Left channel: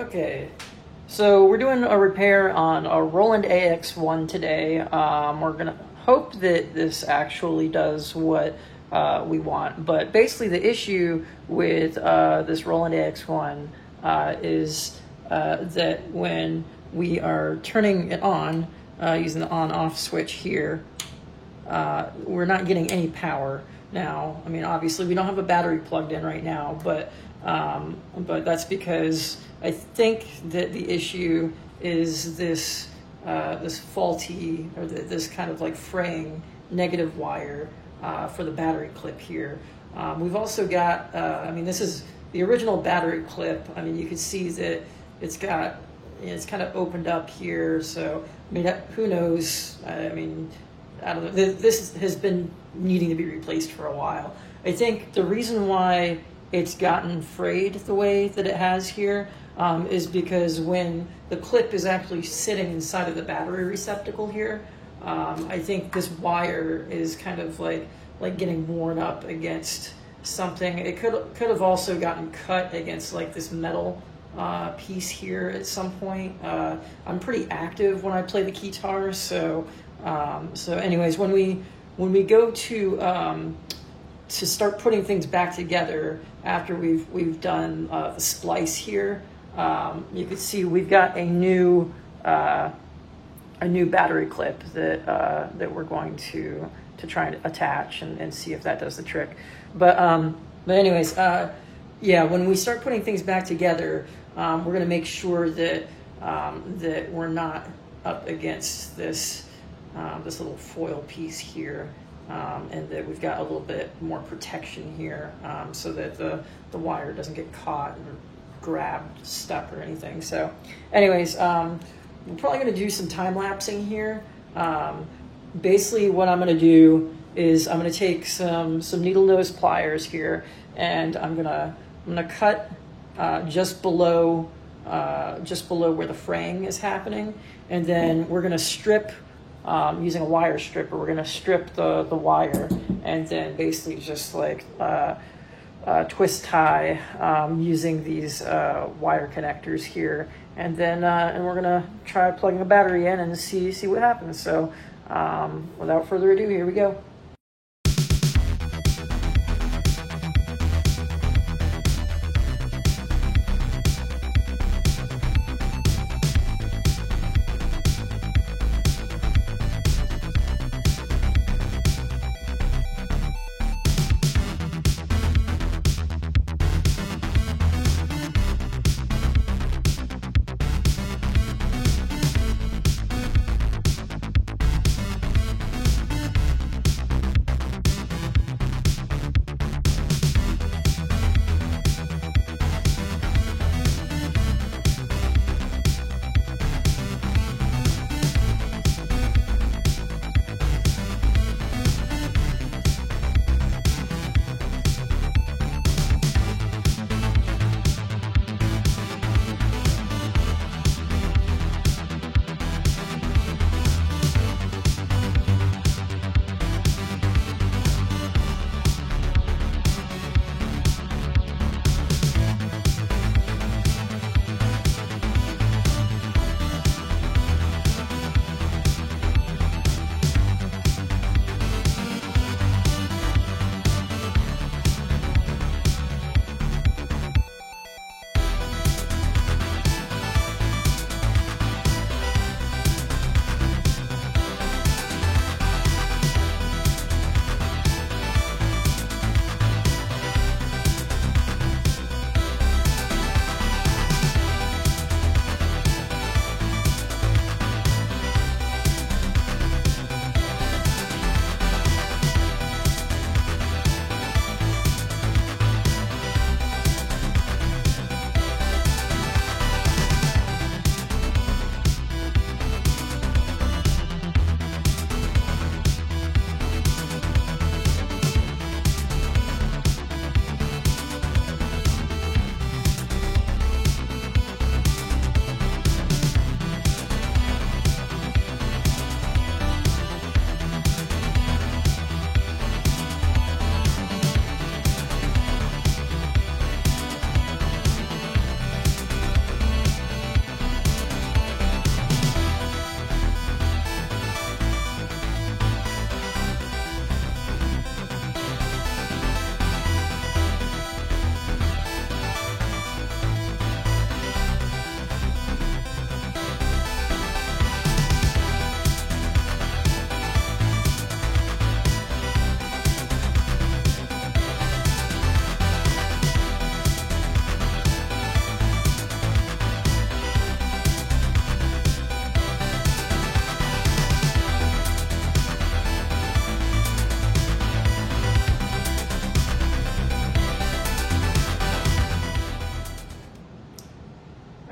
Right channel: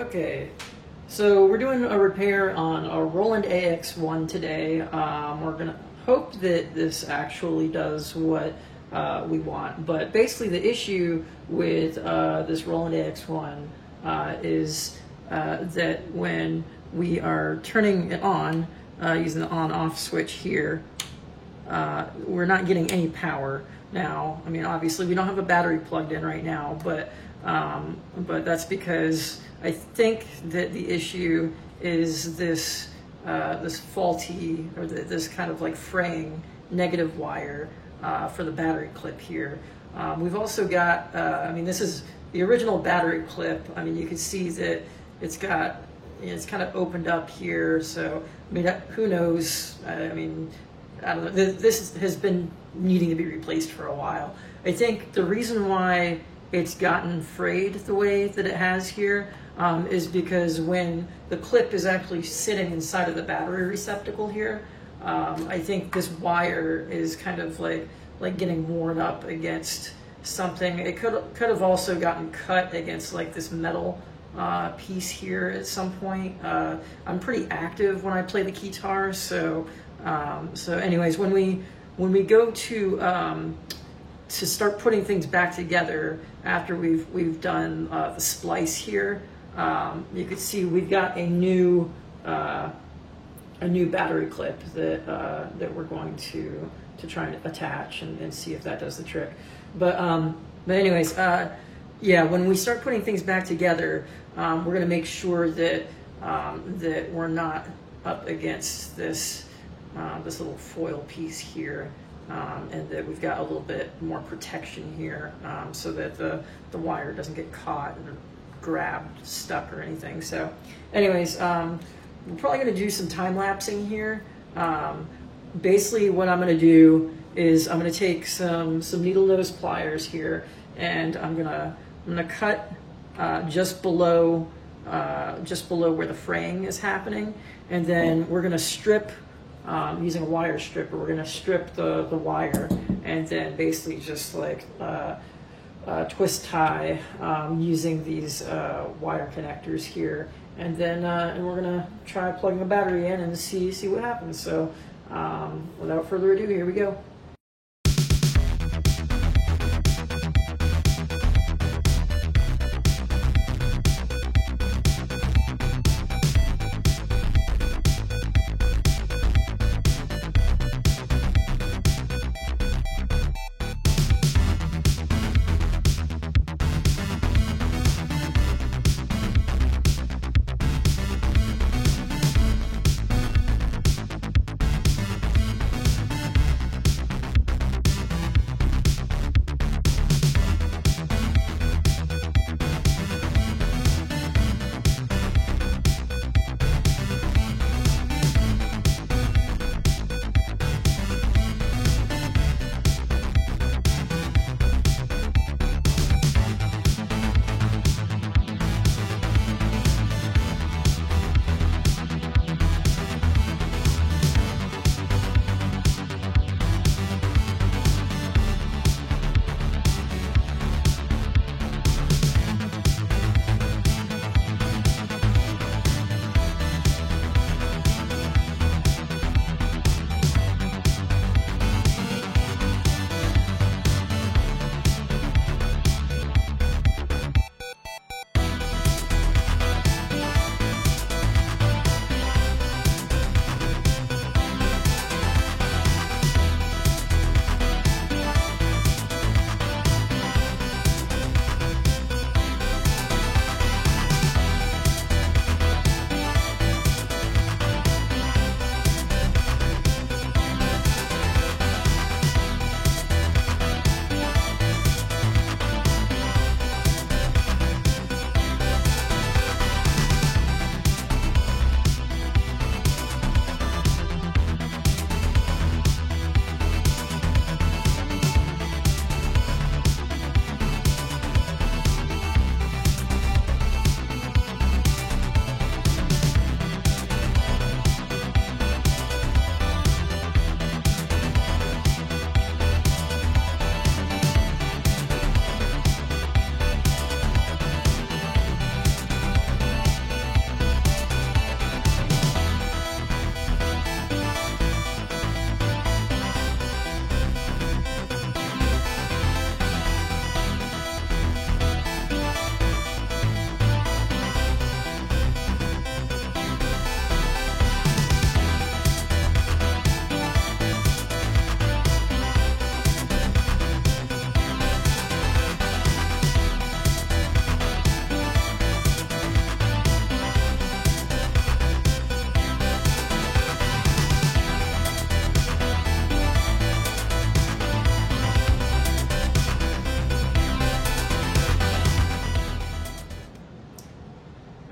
Okay, so we're doing a repair on a Roland AX1 today. We're gonna hope that this actually does what we want, but basically the issue with this Roland AX1 is that when we are turning it on, using the on-off switch here, we're not getting any power now. I mean, obviously we don't have a battery plugged in right now, but that's because I think that the issue is this this faulty, or this kind of like fraying negative wire for the battery clip here. We've also got, I mean, this is the original battery clip. I mean, you can see that it's got, it's kind of opened up here. So, I mean, who knows? I mean, I don't know. This has been needing to be replaced for a while. I think the reason why it's gotten frayed the way that it has here is because when the clip is actually sitting inside of the battery receptacle here, I think this wire is kind of like getting worn up against something. It could have also gotten cut against like this metal piece here at some point. I'm pretty active when I play the guitar, so anyways, when we go to start putting things back together after we've done the splice here, you can see we've got a new battery clip that we're going to try and attach and see if that does the trick. But anyways, yeah, when we start putting things back together, we're going to make sure that that we're not up against this this little foil piece here, and that we've got a little bit more protection here, so that the wire doesn't get caught or grabbed, stuck, or anything. So, anyways, we're probably going to do some time lapsing here. Basically, what I'm going to do is I'm going to take some needle nose pliers here, and I'm gonna cut just below where the fraying is happening, and then we're going to strip using a wire stripper. We're going to strip the wire, and then basically just like twist tie using these wire connectors here, and then and we're going to try plugging the battery in and see what happens. So without further ado, here we go.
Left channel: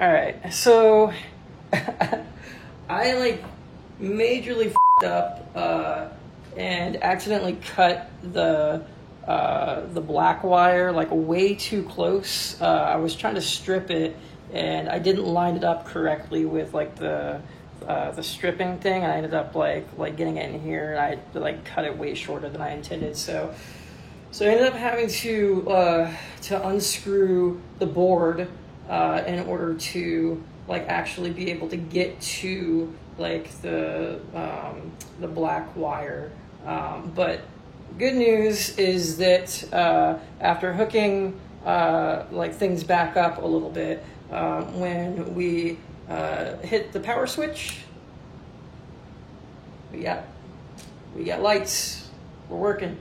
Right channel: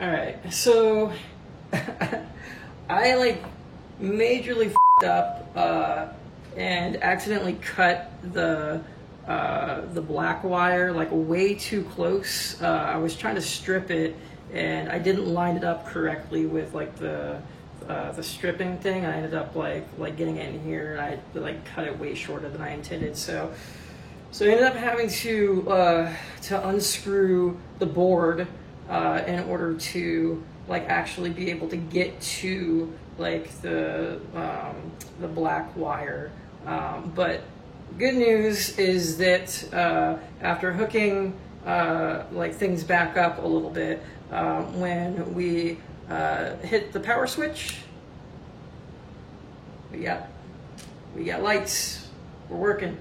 All right, so I like majorly f***ed up and accidentally cut the black wire like way too close. I was trying to strip it and I didn't line it up correctly with like the stripping thing. I ended up like getting it in here and I like cut it way shorter than I intended. So I ended up having to unscrew the board in order to like actually be able to get to like the black wire. But good news is that after hooking like things back up a little bit, when we hit the power switch, we got lights. We're working.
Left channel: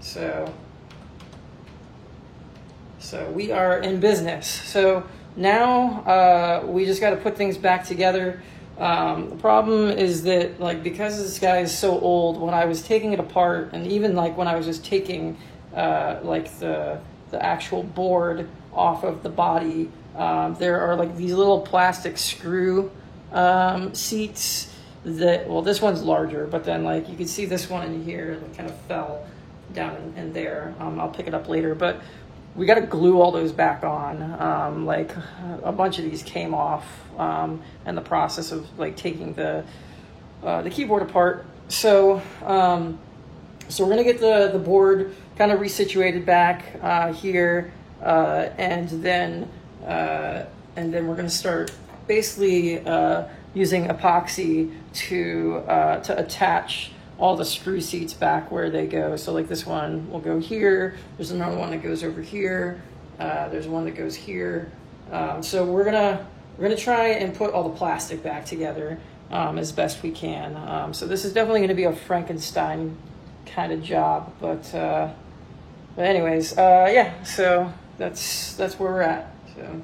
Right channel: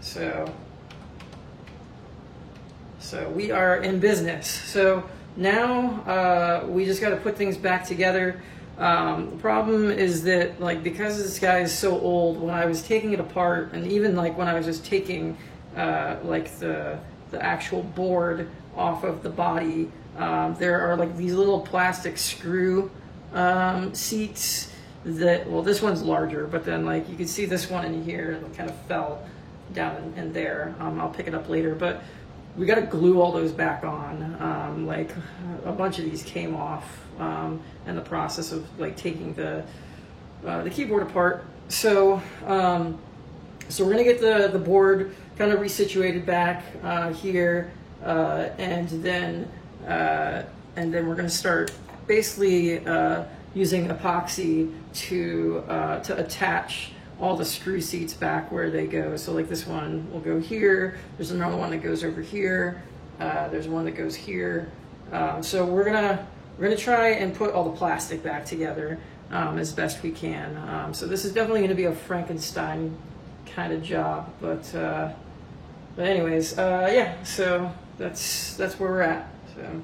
So we are in business. So now we just got to put things back together. The problem is that like because this guy is so old, when I was taking it apart, and even like when I was just taking like the actual board off of the body, there are like these little plastic screw seats that, well, this one's larger, but then like you can see this one in here that kind of fell down in there. I'll pick it up later, but we got to glue all those back on. Like a bunch of these came off in the process of like taking the keyboard apart. So so we're gonna get the board kind of resituated back here, and then we're gonna start basically using epoxy to attach all the screw seats back where they go. So like this one will go here. There's another one that goes over here. There's one that goes here. So we're gonna try and put all the plastic back together as best we can. So this is definitely gonna be a Frankenstein kind of job, but anyways, yeah. So that's where we're at. So.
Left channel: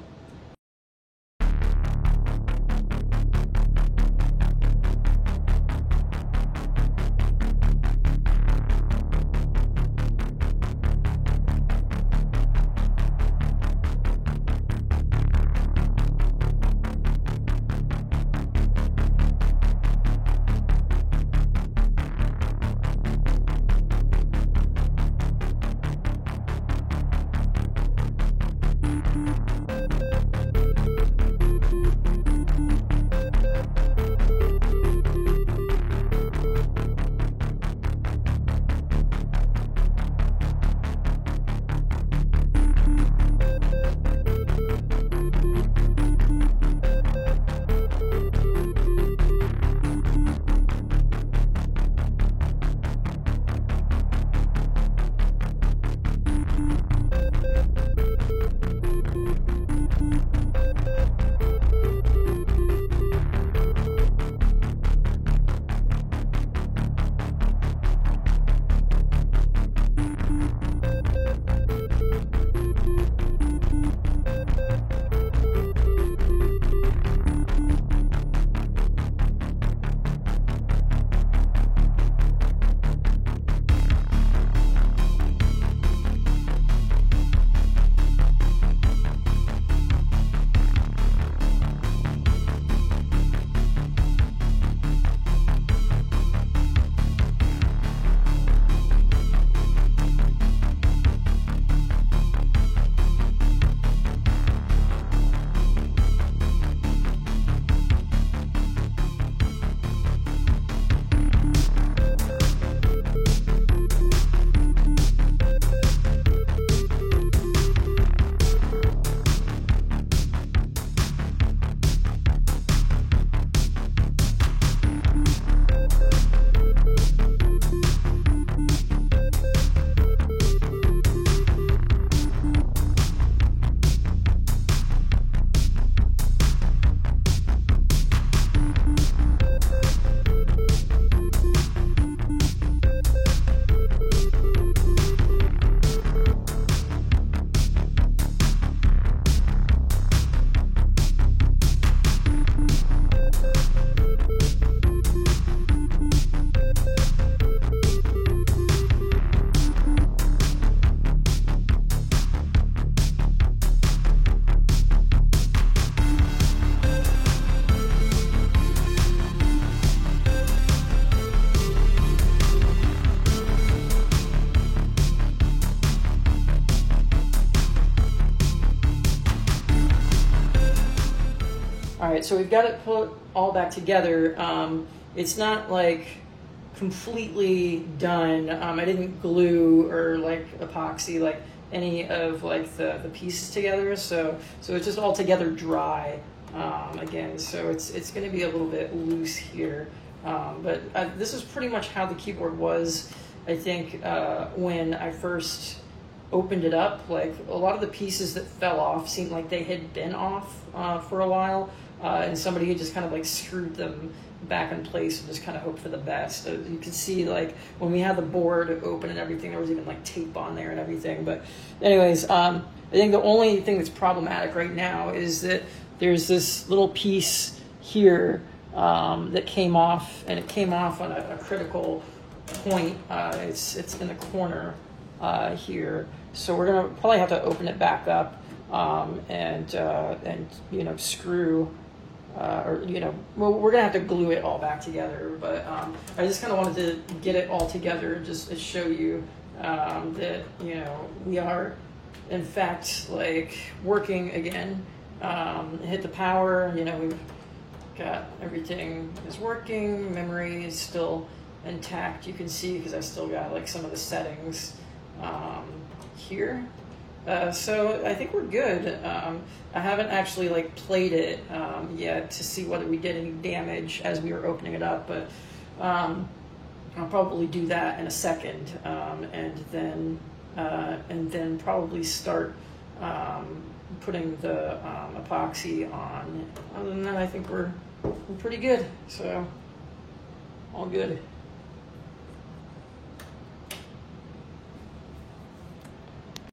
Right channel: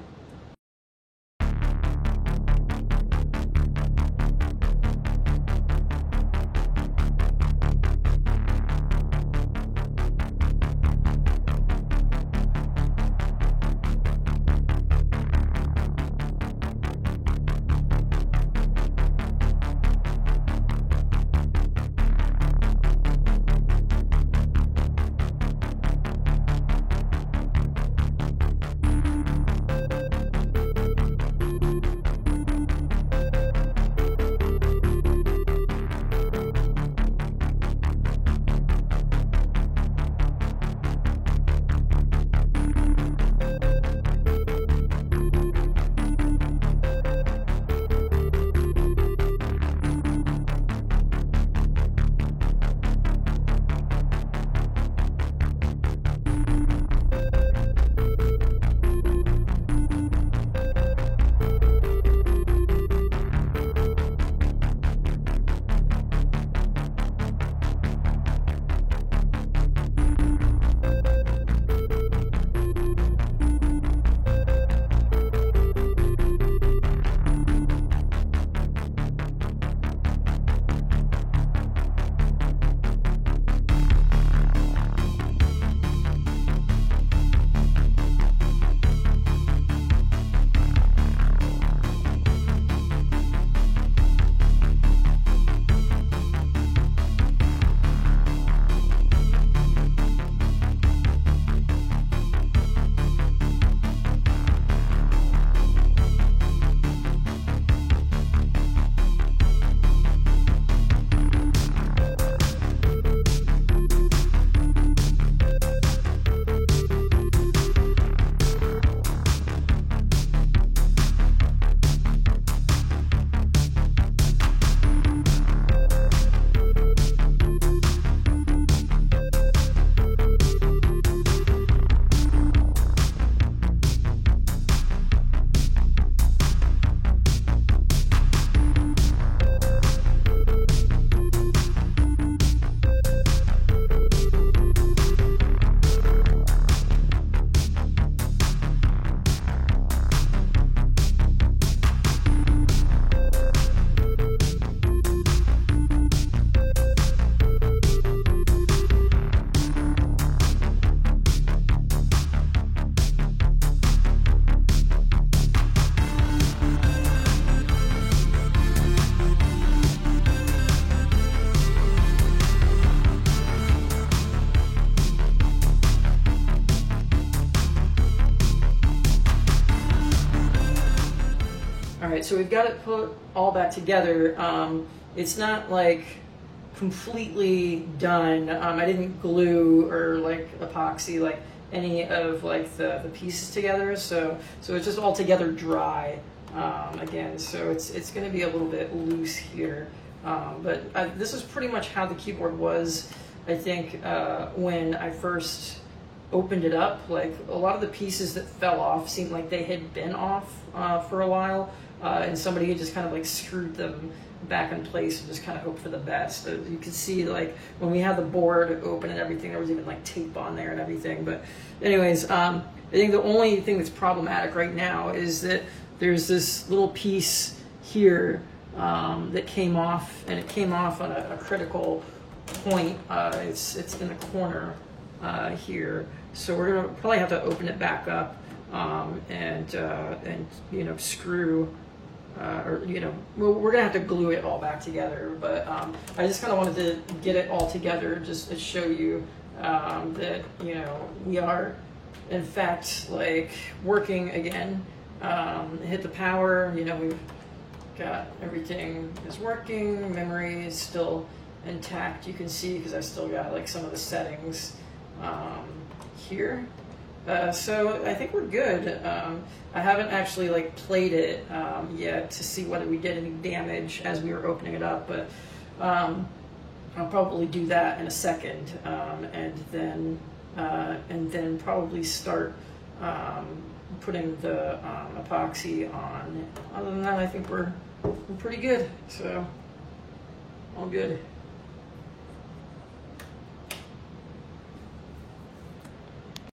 All right, so we've got it put all back together. It's not like completely done. I didn't glue or like epoxy like any of like the pieces together, so it's just all together dry. Again, so it's going to be a little bit loose here, but this is pretty much how the keyboard was. I think when I first opened it up, like a lot of the pieces that fell off seemed like they had been off for a while, and somebody had just kind of like screwed them back in place and just kind of hope for the best. You can see like when we had the board open and everything, there was even like tape on there and everything. But anyways, I think the only thing that's problematic right now is that there's this little piece here that came off, and it came off on a critical point. It's in the corner here, so we're gonna probably have to open it back up and you know, screw or you know, we're gonna have to glue it all back together. But I just kind of wanted to get it all together just to show you that, you know, we are in fact like working again. Hit the power, you know, we've got everything is working, memory is still intact, you can see, because I still got like some of the settings here. So I think we're good. I haven't actually like played it yet to see whether we did any damage as we were opening it up, but I'll probably do that in a second, and then probably start putting the epoxy on. Other than that, I think we're pretty good. So all good.